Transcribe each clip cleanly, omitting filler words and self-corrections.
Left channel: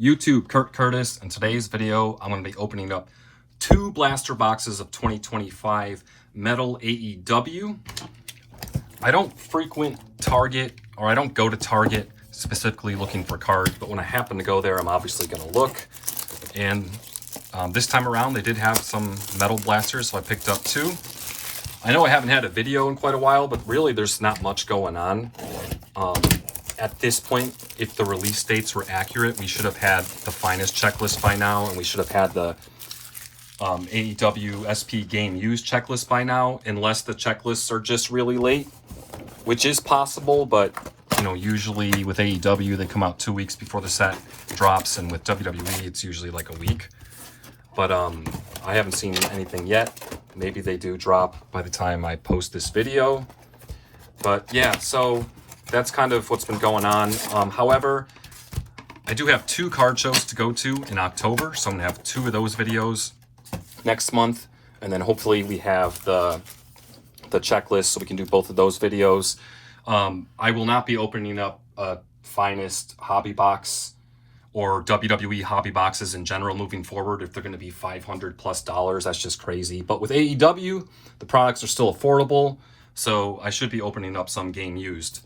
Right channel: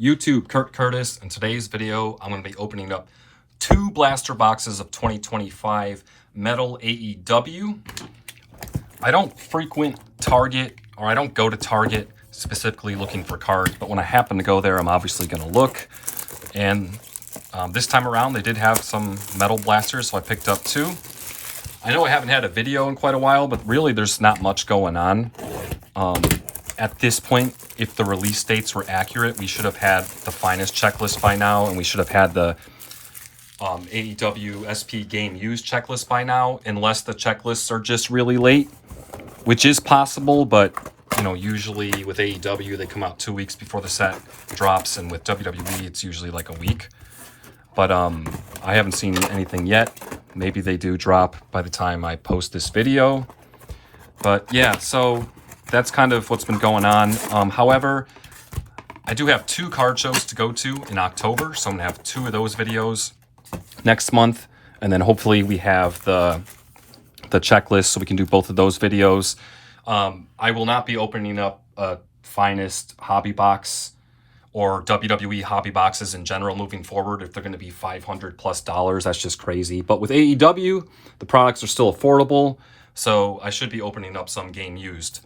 YouTube, Kurt Curtis. In today's video, I'm going to be opening up 2 blaster boxes of 2025 Metal AEW. I don't frequent Target, or I don't go to Target specifically looking for cards, but when I happen to go there, I'm obviously going to look. And this time around, they did have some metal blasters, so I picked up 2. I know I haven't had a video in quite a while, but really there's not much going on. At this point, if the release dates were accurate, we should have had the finest checklist by now, and we should have had the AEW SP game used checklist by now, unless the checklists are just really late, which is possible, but you know, usually with AEW, they come out 2 weeks before the set drops, and with WWE, it's usually like a week. But I haven't seen anything yet. Maybe they do drop by the time I post this video. But yeah, so that's kind of what's been going on. However, I do have 2 card shows to go to in October, so I'm gonna have 2 of those videos next month, and then hopefully we have the checklist so we can do both of those videos. I will not be opening up a finest hobby box or WWE hobby boxes in general moving forward if they're going to be $500+. That's just crazy. But with AEW, the products are still affordable, so I should be opening up some game used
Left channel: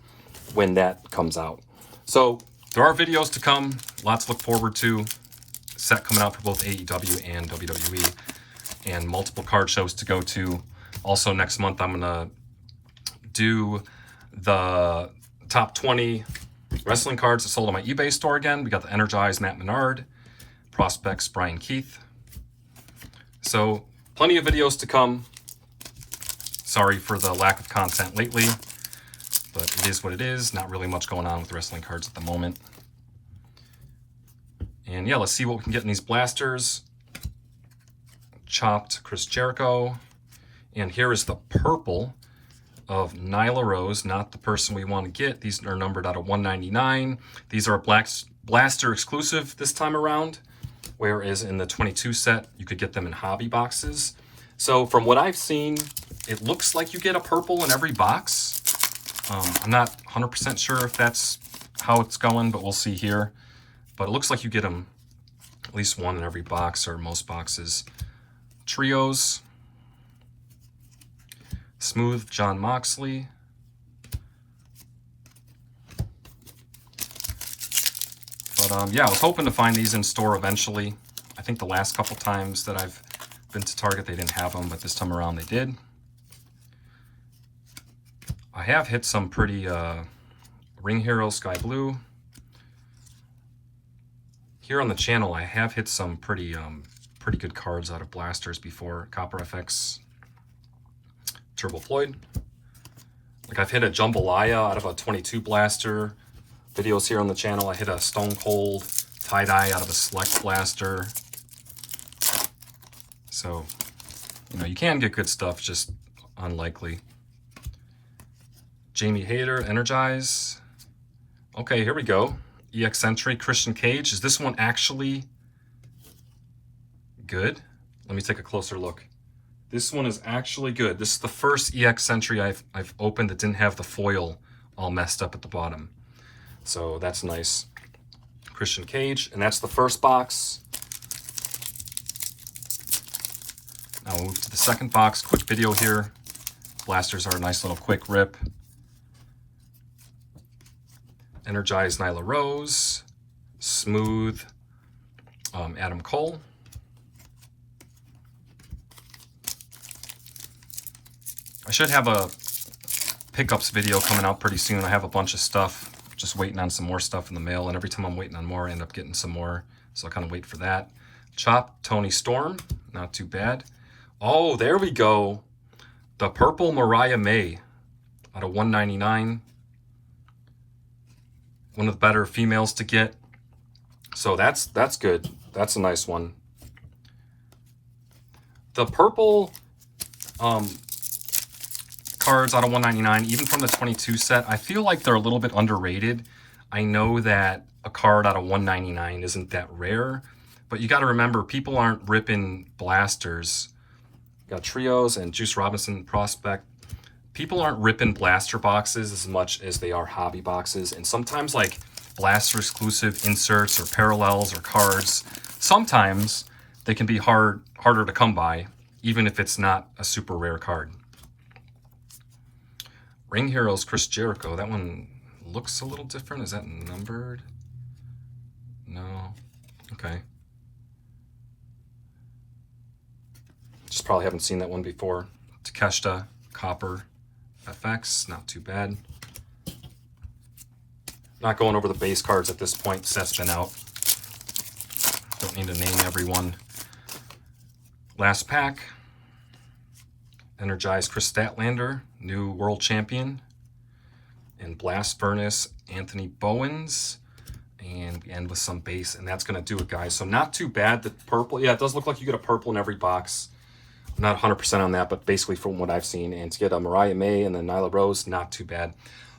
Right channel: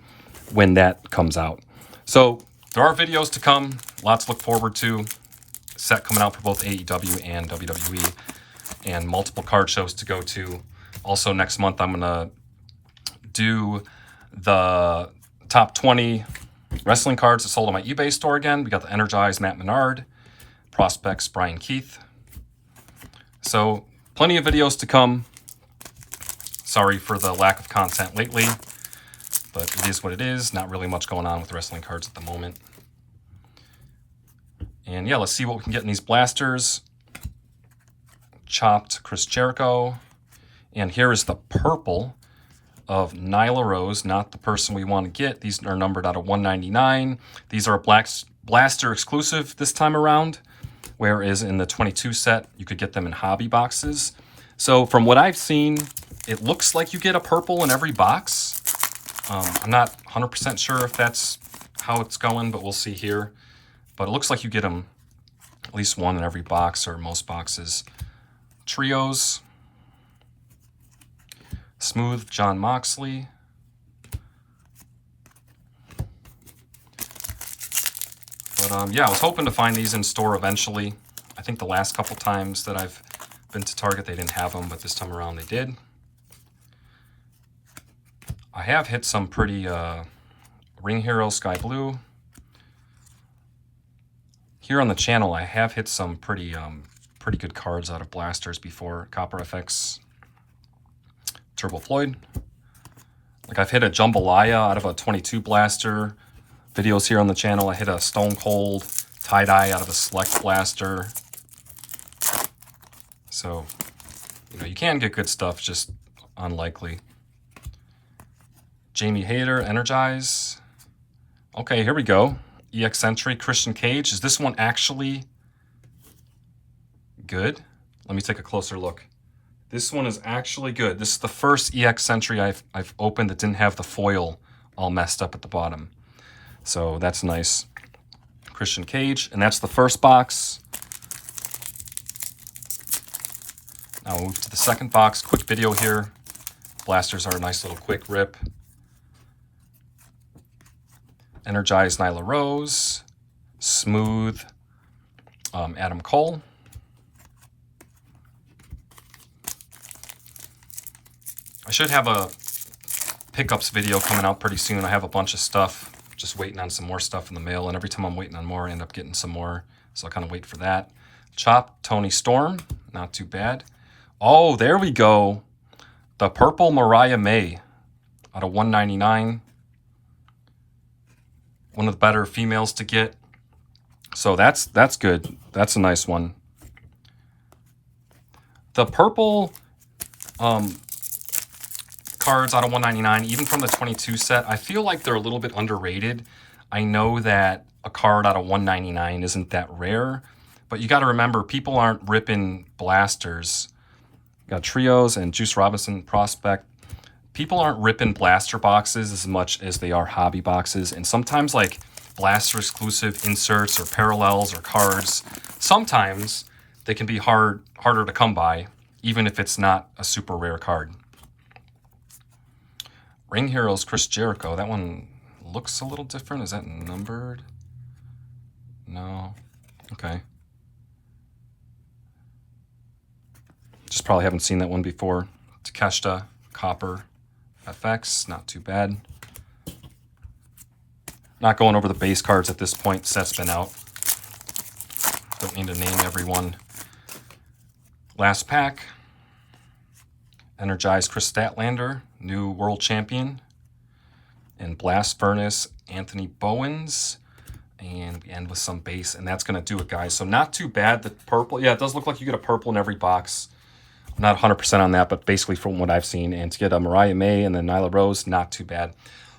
when that comes out. So there are videos to come, lots to look forward to. Set coming out for both AEW and WWE, and multiple card shows to go to. Also next month, I'm gonna do the top 20 wrestling cards that sold on my eBay store again. We got the Energized Matt Menard, Prospects Brian Keith. So plenty of videos to come. Sorry for the lack of content lately, but it is what it is. Not really much going on with wrestling cards at the moment. And yeah, let's see what we can get in these blasters. Chopped Chris Jericho. And here is the purple of Nyla Rose, not the person we want to get. These are numbered out of 199. These are a blaster exclusive this time around, whereas in the 22 set, you could get them in hobby boxes. So from what I've seen, it looks like you get a purple in every box. I'm not 100% sure if that's how it's going, but we'll see here. But it looks like you get them at least one in every box, or most boxes. Trios. Smooth John Moxley. But yeah, I was hoping to find these in store eventually. I think the last couple times that I've been to Target, they didn't have them, but this time around they did. I have hit some pretty Ring Hero Sky Blue. Here on the channel, I have hit some pretty good cards out of blasters before. Copper FX Turbo Floyd. Like I've hit a Jambalaya out of a 22 blaster. Videos here on the channel. I hit a Stone Cold Tie-Dye out of a Select blaster. So, you know, you can get good stuff, just unlikely. Jamie Hayter, Energize. Okay, here we go. EX Entry, Christian Cage. Is this one actually good? Let me take a closer look. This one is actually good. This is the first EX Entry I've opened that didn't have the foil all messed up at the bottom. So that's nice. Christian Cage, and that's the first box. Now we'll move to the second box. Quick video here. Blasters are a nice little quick rip. Energized Nyla Rose. Smooth Adam Cole. I should have a pickups video coming out pretty soon. I have a bunch of stuff, just waiting on some more stuff in the mail, and every time I'm waiting on more, I end up getting some more, so I'll kind of wait for that. Chop, Tony Storm, not too bad. Oh, there we go. The purple Mariah May out of 199. One of the better females to get. So that's good. That's a nice one. The purple cards out of 199, even from the 22 set, I feel like they're a little bit underrated. I know that a card out of 199 isn't that rare, but you got to remember, people aren't ripping blasters. You got Trios and Juice Robinson Prospect. People aren't ripping blaster boxes as much as they are hobby boxes, and sometimes like blaster exclusive inserts or parallels or cards, sometimes they can be harder to come by, even if it's not a super rare card. Ring Heroes Chris Jericho. That one looks a little different. Is that numbered? No. Okay. Just probably haven't seen that one before. Takeshita, Copper, FX. Not too bad. Not going over the base cards at this point. Set's been out. Don't need to name everyone. Last pack. Energized Chris Statlander, new world champion. And Blast Furnace, Anthony Bowens. And we end with some base, and that's going to do it, guys. So not too bad. The purple, yeah, it does look like you get a purple in every box. I'm not 100% on that, but basically from what I've seen. And to get a Mariah May and then Nyla Rose, not too bad.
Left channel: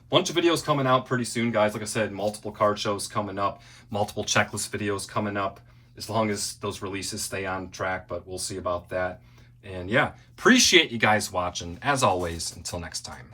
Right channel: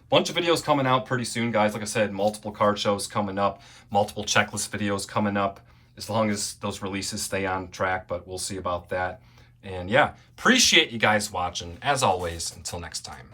Bunch of videos coming out pretty soon, guys. Like I said, multiple card shows coming up, multiple checklist videos coming up, as long as those releases stay on track, but we'll see about that. And yeah, appreciate you guys watching. As always, until next time.